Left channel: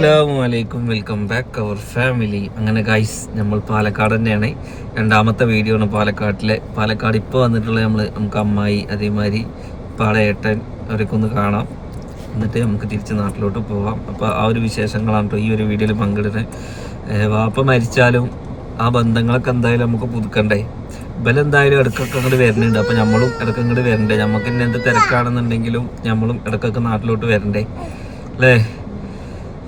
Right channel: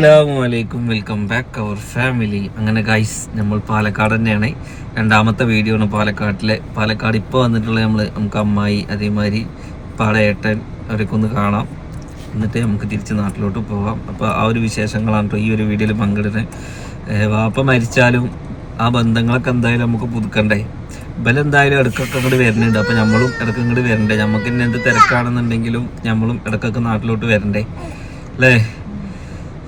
അസ്സാമലൈക്കും welcome back അവർ family. അങ്ങനെ guys നമ്മൾ പാലക്കാട് തന്നെയാണ്. രണ്ടാമത്തെ വീഡിയോ ആണ് പാലക്കാട്ടിലെ. പാലക്കാട് ഇപ്പോൾ വന്നിട്ടുള്ള നമ്മൾ നമുക്ക് അമ്മായി അതേമാതിരി പാളയേട്ടൻ അവരൊക്കെ ഒന്ന് കാണാം. എന്നിട്ട് നമുക്ക് തിരിച്ച് നാട്ടിലോട്ട് പോവാം. അപ്പോൾ ആ ഒരു വിശേഷങ്ങളാണ് കേട്ടോ ഈ ഒരു വീഡിയോയിൽ പങ്കിടുന്നത്. വാപ്പ മരിച്ചാലും ആ ബന്ധങ്ങളൊക്കെ എന്തായാലും നമുക്ക് പുതുക്കണ്ടേ? ഇവലെന്തായാലും ഇടക്കൊക്കെ ഇങ്ങോട്ട് വരുന്നുണ്ട് അപ്പോൾ നമ്മളും ഇടയ്ക്ക് ഇങ്ങോട്ട് വരണ്ടേ? നമുക്ക് ഇനി എന്ത് തിരക്കാണെന്നുണ്ടെങ്കിലും നമ്മളും ഇടക്കൊക്കെ നാട്ടിലോട്ട് വരണ്ടേ? അല്ലേ?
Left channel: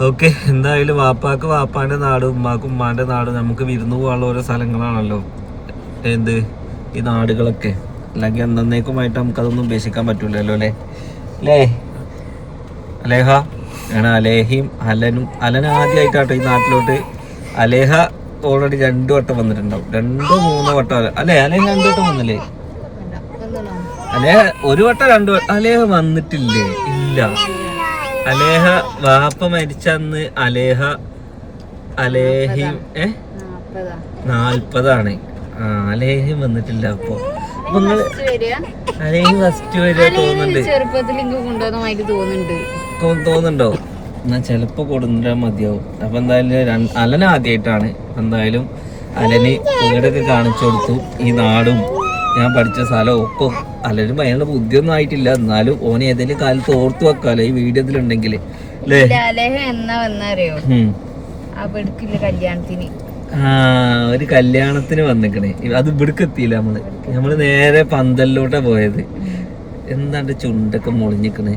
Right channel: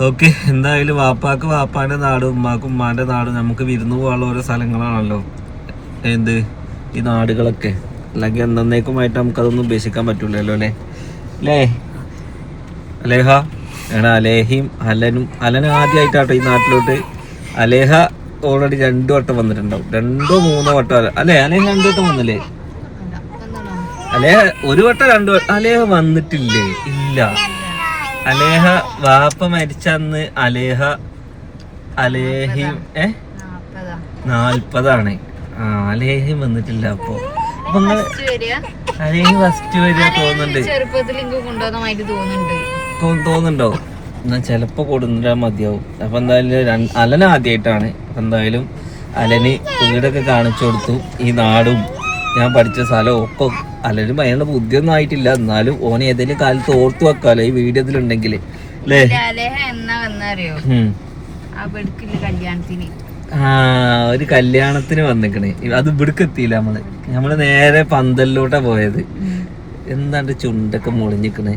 ഓക്കെ എന്തായാലും വാപ്പാക്ക് വാപ്പാന്റെ നാട് ഉമ്മാക്ക് ഉമ്മാന്റെ നാട് നമുക്ക് വിരുന്ന് പോകാനുള്ള ഓരോ സ്ഥലങ്ങളാണല്ലോ. എന്ത്? ഈ നാടുകളൊക്കെ. അല്ലെങ്കിൽ എന്നേക്കുമായിട്ട് നമുക്കതൊന്നും ഉപേക്ഷിക്കാൻ പറ്റൂലല്ലോ അല്ലേ? അല്ലേ? അലേഹ? ആണ് അലേഹയും അലനും അലൻ ആദ്യമായിട്ടാട്ടോ ഈ നാട്ടിലോട്ട്. അലേഹ ഓൾറെഡി രണ്ടു വട്ടം വന്നിട്ടുണ്ടാവും. രണ്ടോ മൂന്നോ വട്ടം അല്ലേ അലേഹ രണ്ടു വട്ടം വന്നില്ലേ? അലേഹ ഒരു വട്ടം രണ്ടു വട്ടം. അലേഹ വന്നിട്ടില്ലേ? ഇല്ല. അലേഹ വാപ്പ മരിച്ചന്ന് അലേഹ അലേഹിം ഏ? നാൽപ്പതാണ്. ആ അലേഹിം വന്നിട്ടില്ല അപ്പൊ. അലേഹി ഫസ്റ്റ് വരിക തോന്നുന്നുണ്ട്. തോന്നുന്നുണ്ട്. എന്നാ ചെലപ്പോ കൊടുന്നില്ല മതിയാവും. അപ്പൊ എന്തായാലും അലന ആദ്യമായിട്ടാണ് എന്തായാലും അലന് വീടൊക്കെ കാണിച്ചു കൊടുത്തു. ഈ നാടും ഞാൻ പഠിച്ച സ്ഥലം ഒപ്പം അലനും അതിനുള്ള ബുദ്ധിയൊന്നും ആയിട്ടില്ല. എന്നാലും ഓനെ ഏതെങ്കിലും കാലത്ത് ഓർത്തു വെക്കാലോ ഈ വീട് ഇതിലുണ്ടെങ്കിൽ അല്ലേ? എന്നാ വന്നറിയോ? കല്യാണത്തിന്. ആ ഒരു കല്യാണത്തിന് വന്നിക്കണേ. അത് ഇവിടേക്ക് എത്തിയില്ല നമ്മൾ. നമ്മൾ നേരെ പന്തലിലോട്ടാ പോയത്. എന്താണ്ട് ചുണ്ടൊക്കെ മുളിഞ്ഞിക്കണേ.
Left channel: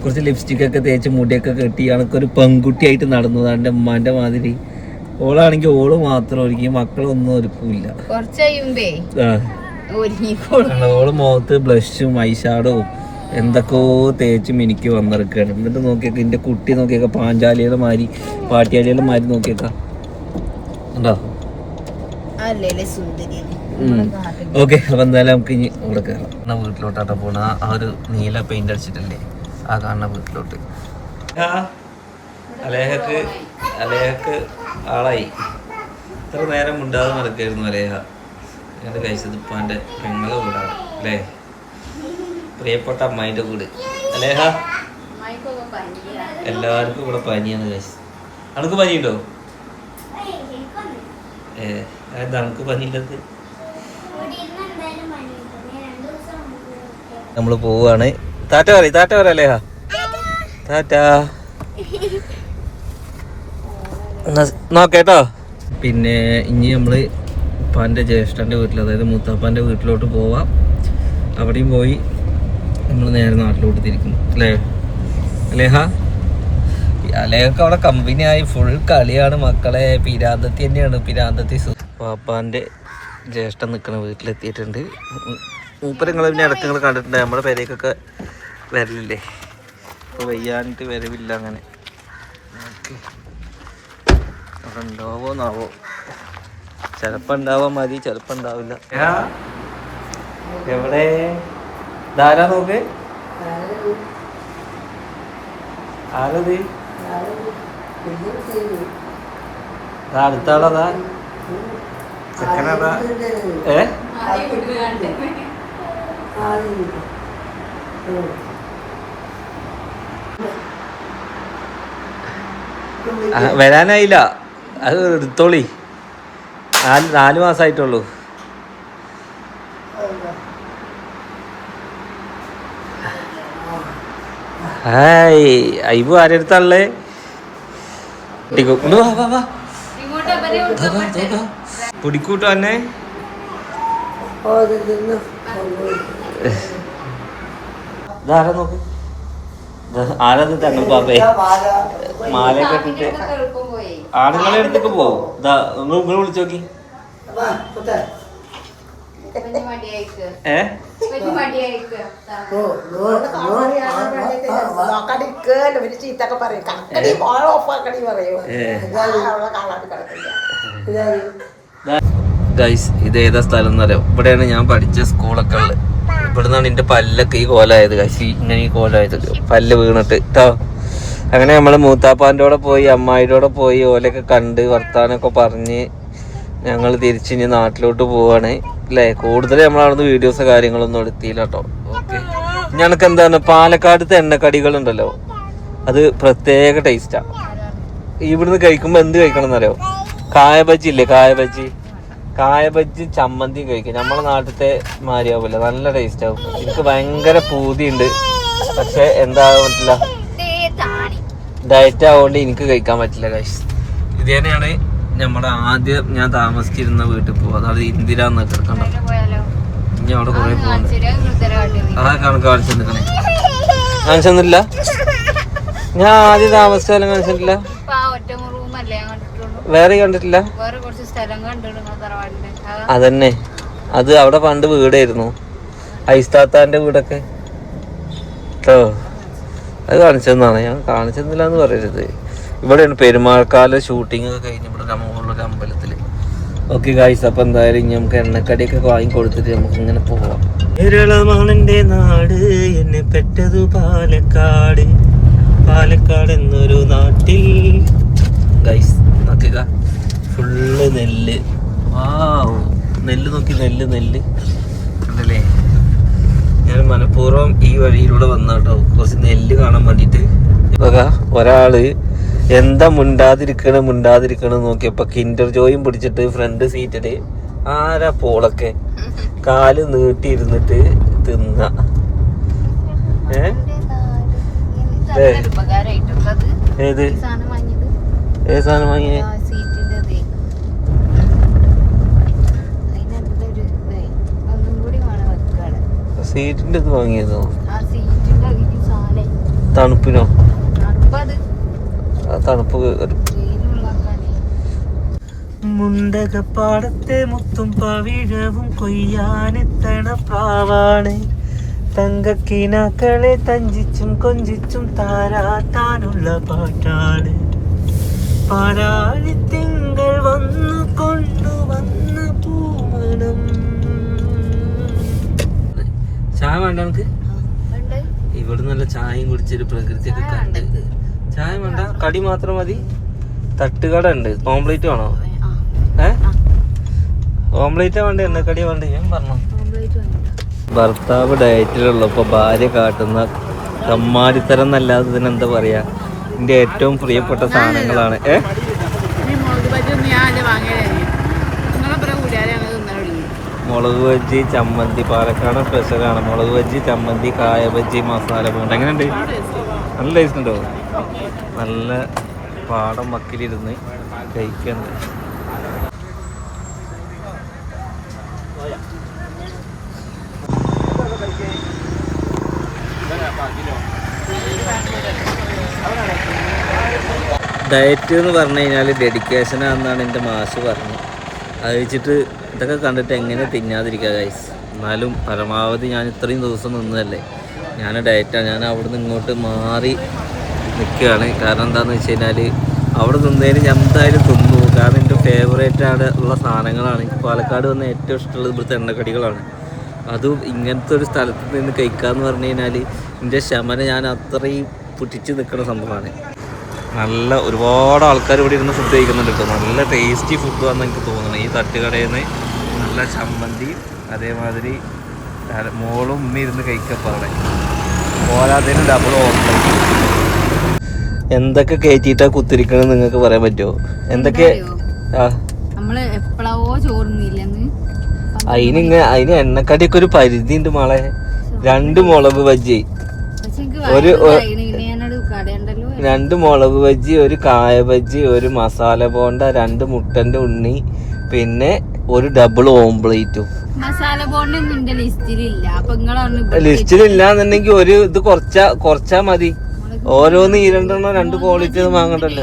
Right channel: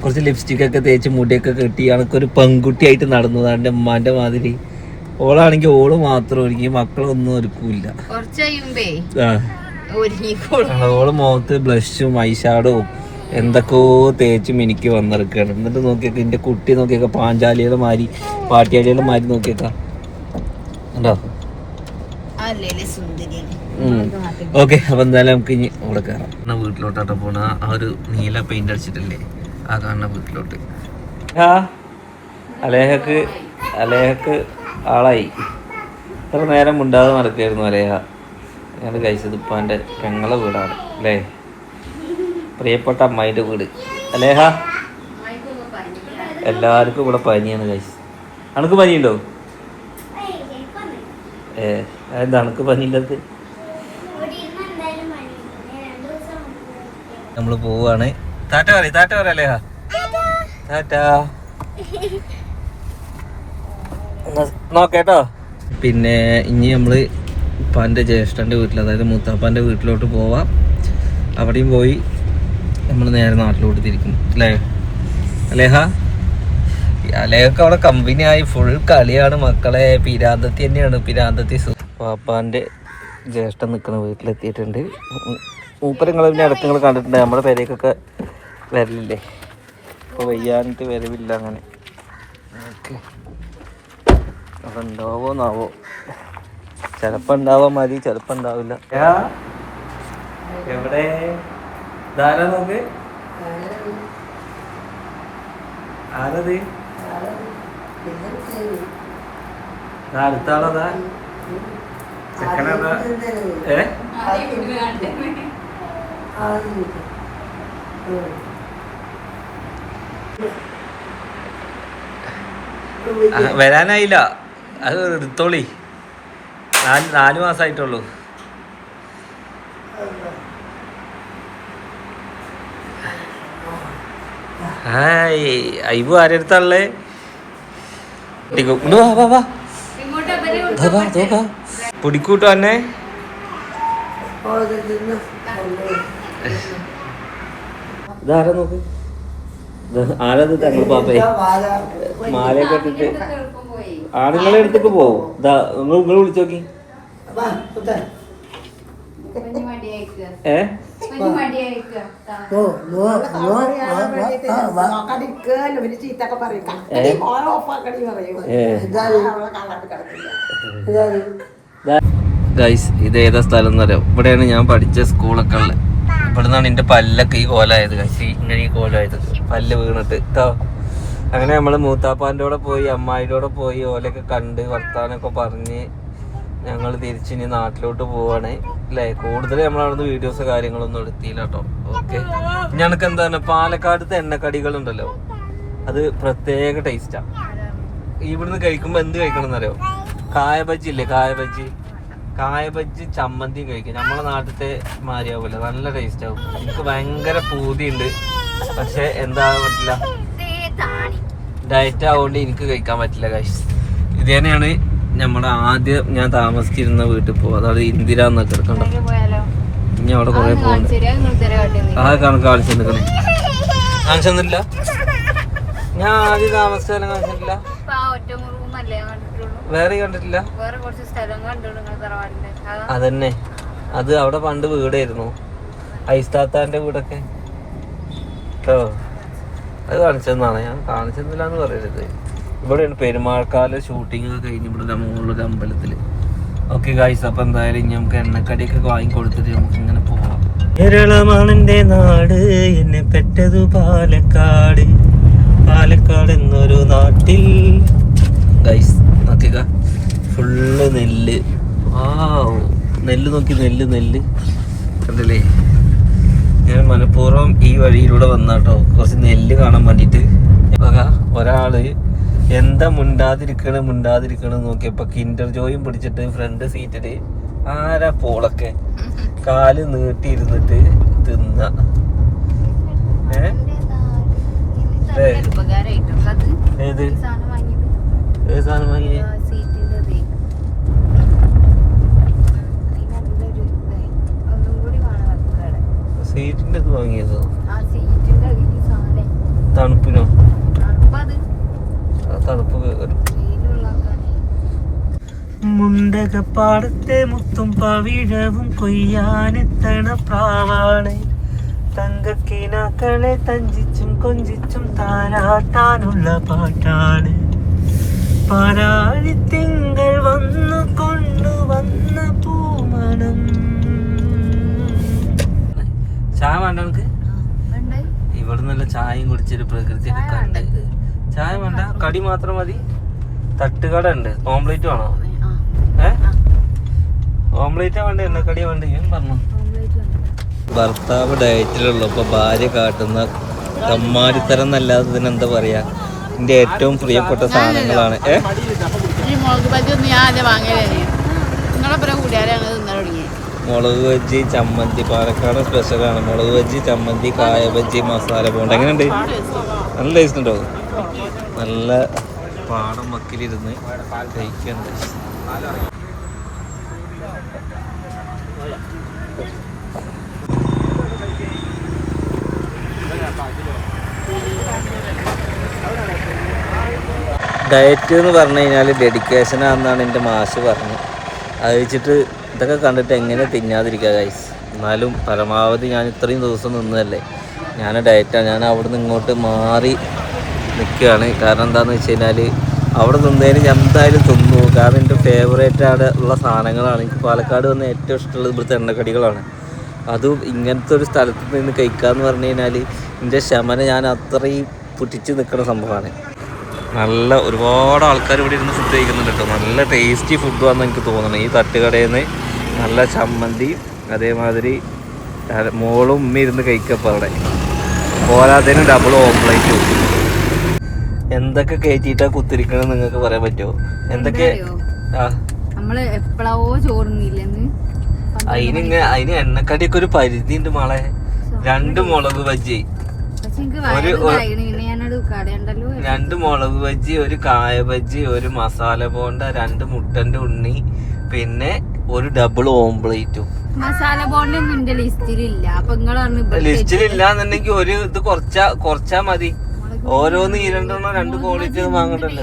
കുറച്ച് ലിപ്സ്റ്റിക് ഒക്കെ തേച്ച് മുടിയൊക്കെ കെട്ടി ആൾക്കൊരു പെൺകുട്ടിയായിട്ട് നടന്നു. അതിന്റെ ഉമ്മാന്റെ മാതിരി. ഓളാണെങ്കിൽ ഓൾ മാത്രം മാത്രമായിരിക്കും മക്കളൊന്നും ഒരുക്കൂല്ല. കുറച്ച് കഴിയുമ്പേ ഓൾ മുഖത്ത് ബ്ലഷും ഐഷാഡും എന്തൊക്കെയോ തേച്ചും എനിക്ക് വന്നിറക്കുകയാണ് എന്നിട്ട് നോക്കിയൊക്കെ എന്റെ കുട്ടി നോക്കിയൊക്കെ പാഞ്ചാലിയുടെ മാതിരി പാട്ടിയാലിയുടെ മാതിരി നോക്കിയേക്കാം. ഉണ്ടോ ഓക്കെ അപ്പൊ എന്തായാലും നമുക്ക് ഇനി അവിടെ കയറാം വീട്ടിലോട്ടാട്ടോ പോണ. ആ- ഒരു നീല പെയിന്റ് അടിച്ചിട്ടില്ലേ? ആ കാണുന്ന വീട്ടിലോട്ട്. അലേഹക്ക് അലേഹക്ക് ആളായി. ഇത്ര നേരം ഉണ്ടാതെ നടക്കായിരുന്നു അലേഹ. ഞങ്ങൾ കഴിച്ചത് ഇപ്പൊ വീടാണ് അല്ലേ? പ്രിയപ്പെട്ട അമ്മായിന്റെ വീട്. അല്ലേഹ എല്ലാവർക്കും ഇവിടെ പനിയാണ് കഴിച്ചത് അണക്ക് പനിയുണ്ടോ? ഏ അണക്ക് പനിയില്ലത് നമ്മൾ പോവാണ്. താറ്റ പറയും താറ്റ പറയാം അല്ലേഹ താറ്റ. നോക്കേട്ടോ പിന്നെ ഇനി നമ്മൾ ഉപ്പാന്റെ ജ്യേഷ്ഠന്റെ വീട്ടിൽ അതായത് മൂത്താപ്പാന്റെ വീട്ടിലോട്ട് പോവാം. അവിടെയും പോയി നമ്മൾ നേരെ നാട്ടിലോട്ട് തിരിക്കും അല്ലേ? അലേഹ? അലേഹൊക്കെ അവിടെ കമ്പനി ആയി ഫുൾ കളിയാണ് മക്കളെ. പിരാന്തത്തി തന്നെയാണ് പിരാന്തത്തി പാപ്പാന്റെ ജ്യേഷ്ഠൻ നിൽക്കുന്ന വീട്ടിലെത്തിയിട്ടുണ്ട്. മൂപ്പരങ്ങൾ പിന്നെ ഇടയ്ക്ക് നിങ്ങൾ കണ്ടിട്ടുണ്ട് നമ്മുടെ പേരേക്കൊക്കെ വരലില്ലേ? അപ്പോൾ വയ്യാനിട്ട് വരവില്ല അങ്ങനെ. ഓക്കെ. അവിടെ ഉണ്ടാവോന്നാവോ ചിലപ്പോൾ ഉണ്ടാവാൻ മതി ചിലപ്പോൾ ഉണ്ടാവില്ല. എവിടെ? ധാരാ നോക്ക് ആരത്? അടുത്ത ആളതാ ചെക്കനതാ ഏ? വരാനായില്ല. അത് എടുത്തോളി. നാല് നാല് മാസമായിട്ടുള്ളൂ ഹായ് അയ്യോ ആരെടുത്താളേ. പിടിക്കൂട്ടോ എന്നെ ഇതാരാ നോക്ക്? ആരത് തങ്ങൾ പാപ്പേ? മാലയൊക്കെ ആണുങ്ങളെ അടുത്തേക്ക് പോവും. ഇതാ നിങ്ങൾ നിങ്ങൾ വിളിച്ചു നോക്കി. ഏ? ഗൈസ് ഇത് ഏതാ സ്ഥലം എന്നറിയോ? ഇവിടെയാണ് ഞാൻ പഠിച്ച സ്കൂളൊക്കെ ഉള്ളത്. ഇവിടെ നിന്നാണ് എന്റെ പല്ലൊക്കെ ഈ കോലായത് ഗൈസ് ഈ ഇങ്ങനെ ഈ കോലായത്. പല്ല് വീണിട്ട്. കേട്ടോ അങ്ങനെ നമ്മൾ മൂത്താപ്പാന്റെ കൂടെ പോയി അമ്മായിയുടെ കൂടെ പോയി ഓലൊക്കെ കണ്ട് വർത്താനൊക്കെ പറഞ്ഞ് ഞങ്ങൾ തിരിച്ചിനി നാട്ടിലോട്ട് പോവാണ്. അല്ലേ കൂടുതൽ നമ്മൾ അവിടുന്ന് വീഡിയോസ് കാര്യങ്ങളൊന്നും എടുത്തില്ല കേട്ടോ ഓക്കെ ഞങ്ങൾക്ക് എന്താണ്? പാലക്കാടത്തെ എണ്ണക്കടികൾ ഉണ്ടല്ലോ അത് പ്രത്യേക ടേസ്റ്റാ ഇവിടുന്ന് കഴിക്കുമ്പോ എന്ത് കഴിക്കണം എന്നറിയോ? കായബജ്ജി ഇല്ലേ? കായബജ്ജി കായബജ്ജി കായ ബജ്ജി ചമ്മന്തി കഴിക്കും. നമ്മളെ നാട്ടിലത്തെ മാരിയാവില്ല നല്ല ടേസ്റ്റ് ആവും. എനിക്ക് ഭയങ്കര പൂതിയുണ്ട്. പക്ഷെ എന്താ പറ്റില്ല? ഡയറ്റ് ആവുകൊണ്ട് എനിക്ക് കഴിക്കാൻ പറ്റില്ല കാശ് ഇത് തന്നെയാണ് നമ്മുടെ ആദ്യം ഞാൻ താമസിച്ചിരുന്ന വീട്ടിൽ പോകും അതായത് ഇന്ദിര എന്നൊക്കെ എടുക്കണ്ട ഇനി അവിടെ കുറെ പോകുന്നു ആ കണക്ക് കാണിച്ചു നിൽക്കണേ തന്നില്ല ഞാൻ ആദ്യം താമസിച്ചാലും കാണിച്ചിട്ടില്ല വേറെ കണ്ടിട്ടില്ല? അതന്നെ. അത് അവിടെ പണ്ട് വീടായിരുന്നു. ഐസ്താത്താന്റെ വീടൊക്കെ. കേട്ടോ അത് കാണിച്ചതെന്നാണ് ഞാൻ കാണിച്ചെന്നില്ല എന്ന് പറയരുത്. ഇവിടെയാണ് പെരുമാൾക്കാല ഷൂട്ടിംഗ് ഒക്കെ കഴിഞ്ഞ് ഇവിടെ നമ്മളുള്ളൊരു അമ്പലത്തിൽ ഓക്കെ ഗായ്സ് അപ്പൊ എന്തായാലും ഇനി നമുക്ക് എണ്ണക്കടിയൊക്കെ വാങ്ങി കൊടുത്തിട്ട് നമുക്ക് ഇങ്ങനെ പോവാം. കേരളമാണ് എന്റെ നാട് എന്നെ പെട്ടത് പാലക്കാട്. പാലക്കാട് എന്നൊരു നാട്ടിൽ. ഗൈസ് നോക്കിക്ക ഫുള്ള് നെല്ല്. ആ നെല്ല് നോക്കി നെല്ല് നെല്ല്. കണ്ടില്ലേ? ഞാൻ മനഃപൂർവം ഈ വഴിയിലൂടെ വന്നാട്ടോ. കുറച്ച് നെല്ല് കാണാൻ ഒരാൾ എന്താ മുണ്ടാതിരിക്കണ മുണ്ടാതിരിക്കണ നോക്കിയപ്പോ കിൻഡർ ജോയും പിടിച്ചിട്ട് ഫ്രണ്ട് സീറ്റിൽ ആരാ പോളൊക്കെ? കാൽ നീട്ടിയിരുന്നിട്ട് തിന്ന. ഏത്? ഏത് സാധനം വാങ്ങിയേ? സീറ്റിന്റെ ഇതേ. വാങ്ങിയതോ? തണുപ്പിനോ? തണുപ്പ് കയറും. മുണ്ടകപ്പാടത്തെ മുത്തും പവിഴവും കൊയ്യാനെത്തണ പ്രാവാണ് തങ്കക്കിനാക്കളെ തഞ്ചിച്ചും കൊഞ്ചിച്ചും താരാട്ടാനുള്ള പാട്ടാണ് പാരാഴിത്തിങ്കൾ വന്നു കൊണ്ടുവന്ന പൂമണം ചായ വേണ്ട നമുക്ക്? ഇവിടെ നല്ല ചായയും കുടിച്ചൊരു പ്രകൃതിയൊക്കെ ചായ കണ്ട്. ചായ വേണ്ട കടി മാത്രം മതി. തട്ടുകട ഉണ്ട് ഓംപ്ലേറ്റ് വേണോ ഓംപ്ലേറ്റ് വേണ്ട? എണ്ണക്കടി വേണ്ട? ഞാൻ പറഞ്ഞു. ഭർത്താവ് ഡയറ്റിലുള്ളപ്പോ ഭാര്യ കാട്ടുന്ന കമ്മാരിത്തരം എന്നല്ലാതെ ഇതിനെന്താ പറയാ? എന്റെ ഏറ്റവും പ്രിയപ്പെട്ട സാധനങ്ങളാണ്. ഏ? മുളക് ബജ്ജി ചമ്മന്തി. പാലക്കാട് സ്പെഷ്യലാണ്. മുളക് ബജ്ജി ചമ്മന്തി കായ ബജ്ജി മസാല പോണ്ട്. എങ്ങനെയുണ്ട്? നല്ല ടേസ്റ്റ് ഉണ്ടോ? നല്ല പാടം വക്കിലിരുന്ന് കഴിക്കുന്നത് ഡയറ്റ് എന്ന് പറഞ്ഞു കഴിഞ്ഞാൽ ഡെഡിക്കേഷനാണെന്നാണ് എന്റെ മാഷ് പറഞ്ഞത് അത് വെച്ചിട്ട് ഇതൊക്കെ കണ്ടിട്ട് എങ്ങനെ തിന്നാതിരിക്കുക ഗൈസ് എന്നാലും പരമാവധി ഞാൻ ഇത്രയും ദിവസം നിന്നതല്ലേ. ഞാൻ ഡയറ്റാണ് ഞാൻ അവിടെ നിന്ന് ഇങ്ങോട്ട് മാറി നിൽക്കുകയാണ്. കാരണം എന്താണെന്ന് വെച്ച് കഴിഞ്ഞാൽ അവിടെ തിന്നതിന് ഞാൻ എന്തായാലും തിന്നു. കാരണം എന്റെ ഫേവറേറ്റ് ആണ് ഉള്ള സാധനങ്ങളാണ്. എനിക്ക് പാലക്കാട് വന്ന ഏറ്റവും ഇഷ്ടമുള്ളത് ഇവിടുത്തെ എണ്ണക്കടികളാണ്. അതും ഇങ്ങനത്തെ ഒരു സ്ഥലത്ത് നിന്ന് കഴിക്കാമെന്ന് പറഞ്ഞു കഴിഞ്ഞാൽ എന്റെ ശമന ഞാൻ അത്രയും പുറ്റിച്ച് നിൽക്കുന്ന സംഭവമാണ്. നല്ല ഒരുപാട് ആൾക്കാർ ഇവിടെ ഇരുന്ന് ഫുഡ് കഴിക്കുന്നുണ്ട് കേട്ടോ. നല്ല ടേസ്റ്റി ഫുഡാണെന്ന് എനിക്ക് തോന്നുന്നത് ഈ തട്ടുകടയിൽ നിന്ന് നല്ല ചമ്മന്തി അതേമാതിരി മോളും ഉമ്മ ഇരുന്ന് കഴിക്കപ്പോൾ അവിടെ. പോരാത്തതിന് ഡബിൾ ഓംപ്ലേറ്റ് എന്തൊക്കെ കയറ്റിയിട്ടാ കുത്തിരിക്കണെന്ന് നിങ്ങൾക്ക് പറയാൻ പറ്റുമോ എന്തൊക്കെ നമ്മൾ എപ്പോഴാവോ ചോറുന്നില്ലെന്ന് അതിനിങ്ങനെ അതിന് എണ്ണക്കടിയൊക്കെ ഒരു പരിധി ഉണ്ട് മോളെ രണ്ട് മുളക് ബജ്ജി. ഒരു- രണ്ട് മുളക് ബജ്ജി ഒരു കായ ബജ്ജി ഒരു മസാല ബോണ്ട രണ്ട് മുട്ടന്റെ ഉണ്ണി പിന്നെ ഒരു ഡബിൾ ഓംപ്ലേറ്റും മസാല ബോണ്ട ലിസ്റ്റിലില്ല. അപ്പൊ നിങ്ങളാണ് ലിസ്റ്റിലില്ലാന്നുണ്ടെങ്കിൽ ഒരു ഇത് കുറച്ചാ കുറച്ചാ മതി. ഓരോന്ന് ഈ രണ്ടെണ്ണം രണ്ട് ക്വാളിറ്റി വാങ്ങണ്ടല്ലോ.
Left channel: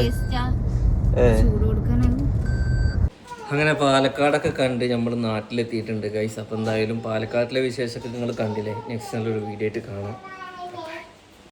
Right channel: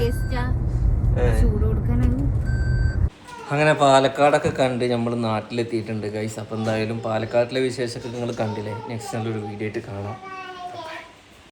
അങ്ങനെ പാലക്കാടൊക്കെ കണ്ട് നമ്മൾ നാട്ടിലെത്തിയിട്ടുണ്ട് ഗൈസ് അപ്പം എന്തായാലും പാലക്കാട്ടിലെ വിശേഷമൊക്കെ നിങ്ങൾ കണ്ടില്ലേ? നെക്സ്റ്റ് നല്ലൊരു വീഡിയോ ആയിട്ട് കാണാം.